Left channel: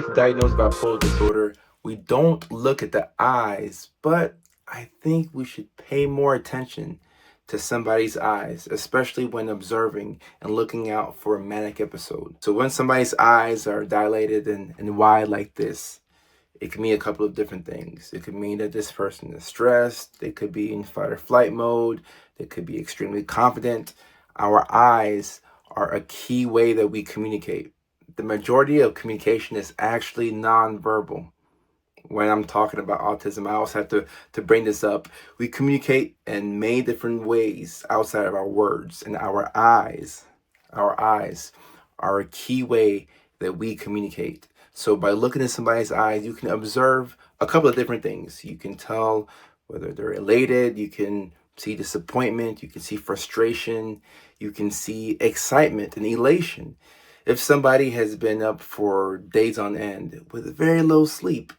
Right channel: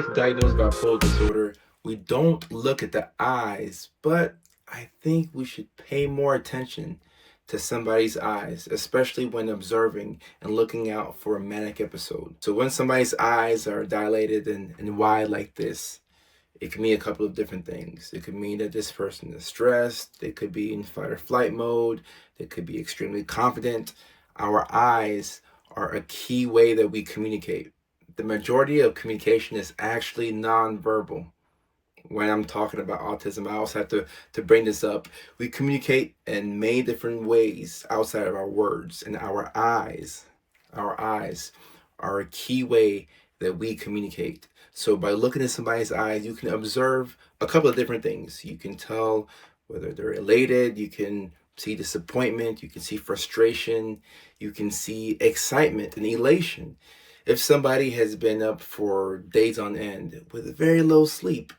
order to diagnose bipolar disorder, we don't look at the eyes, but I think we should pay more attention to somebody's eyes, especially when observing and looking out for a manic episode. So when somebody's eyes are dilated and wide like this, it can mean a couple of different things. It could mean that this person is stressed. They could be in fight or flight mode. They could be extremely confident. Our eyes are a key way that we communicate. The majority of communication is actually nonverbal. When I'm talking about autism, I also have to bring this up. We communicate in many different ways outside of our words, and our eyes are a key way that we communicate. So by looking at somebody's eyes, you can observe a couple of different things. You can tell whether they're elated, you can see disappointment, you can see frustration, you can see excitement and elation. If somebody has been up for days on end with very little sleep,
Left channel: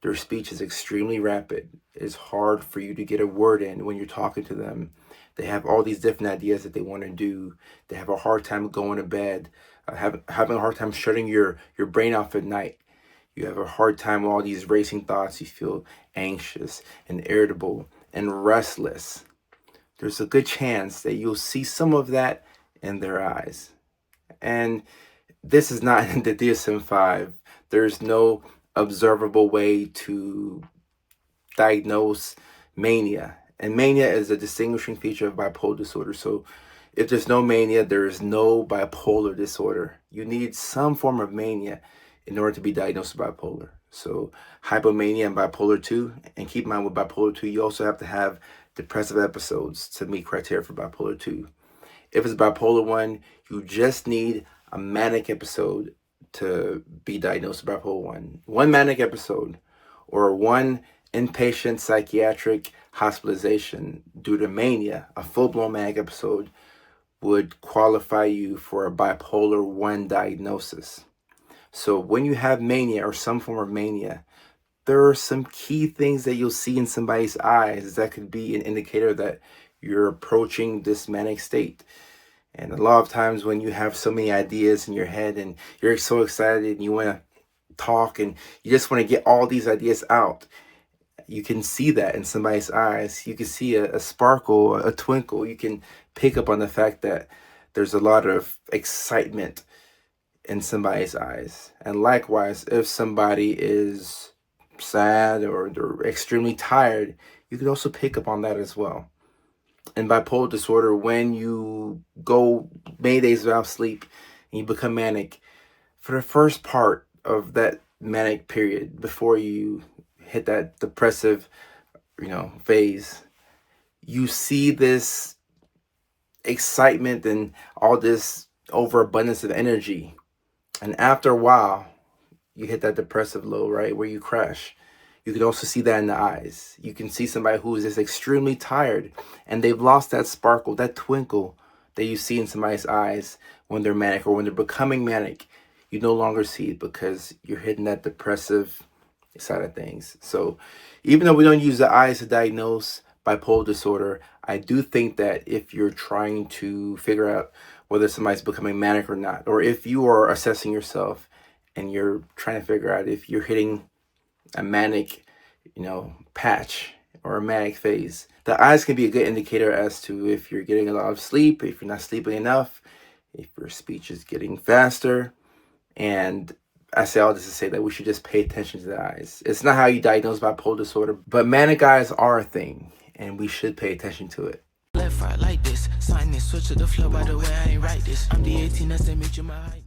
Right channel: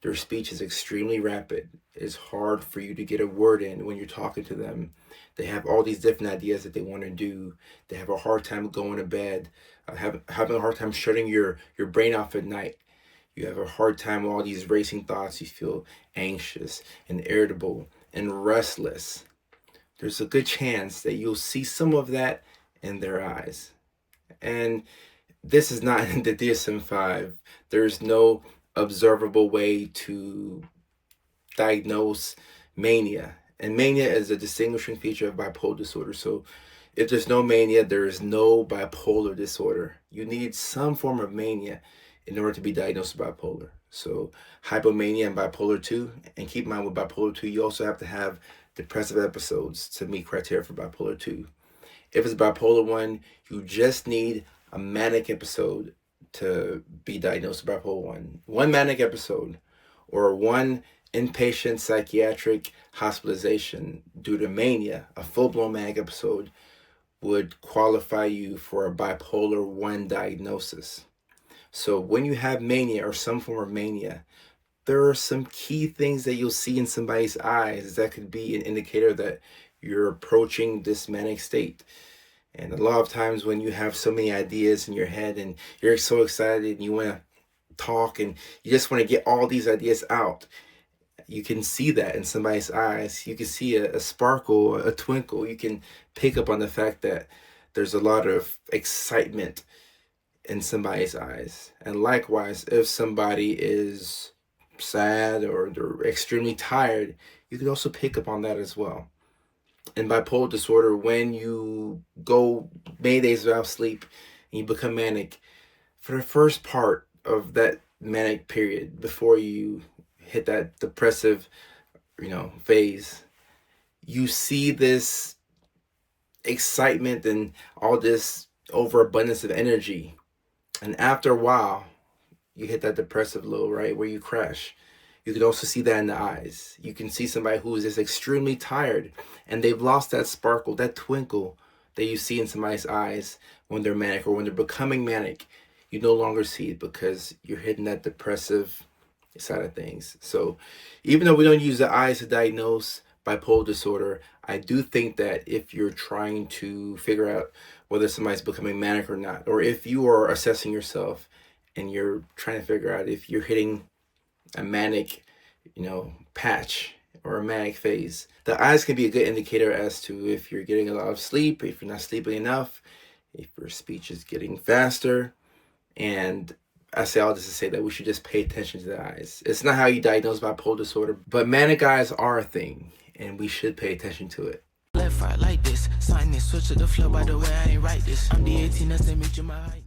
their speech is extremely rapid. It's hard for you to get a word in when you're talking to them. They have all these different ideas that they want to do. They have a hard time going to bed, having a hard time shutting your brain off at night. You have a hard time with all these racing thoughts. You feel anxious and irritable and restless. There's a good chance that you'll see some of that in their eyes. And this is not in the DSM-5. There's no observable way to diagnose mania. And mania is a distinguishing feature of bipolar disorder. So if there's no mania, there is no bipolar disorder. You need some form of mania in order to be diagnosed with bipolar. So hypomania and bipolar 2. And keep in mind with bipolar 2, you also have to have depressive episodes to meet criteria for bipolar 2. If it's bipolar 1, you just need a manic episode to be diagnosed with bipolar 1. One manic episode or one inpatient psychiatric hospitalization due to mania, a full-blown manic episode, would qualify you for a bipolar 1 diagnosis. So when you have mania or some form of mania, there are some key things that you'll see in somebody's eyes that could be an indicator that you're approaching this manic state. And a lot of times when you have so many ideas in your head and you're so excited and you want to talk and you just want to get all these ideas out, you can see that in somebody's eyes. You can see a sparkle, a twinkle. You can pick up on the fact that there's a lot of excitement in somebody's eyes. And likewise, if somebody is sad or they're extremely tired, you can also pick up on that as well. In bipolar disorder, when you go many days without sleep and you become manic, for the first part of that manic period, before you hit that depressive, phase, you see this excitement and all this overabundance of energy. And after a while, you hit that depressive low, right, where you crash. You can also see that in the eyes. You can see somebody who is just extremely tired and they've lost that sparkle, that twinkle that you see in somebody's eyes when they're manic or when they're becoming manic. You no longer see it because you're hitting that depressive side of things. So even though we don't use the eyes to diagnose bipolar disorder, I do think that if you're trying to figure out whether somebody's becoming manic or not, or if you are assessing yourself and you're trying to figure out if you're hitting a manic, patch or a manic phase, the eyes can be a good indicator as to if you're getting a lot of sleep, if you're not sleeping enough, if your speech is getting faster. And I say all this to say that we should just pay attention to the eyes. It's not how you diagnose bipolar disorder, but manic eyes are a thing, and we should pay attention to it. Left right like this, sign this, switch to the flow. By the way, I ain't write this. I'm the 18 that's that meet you my height.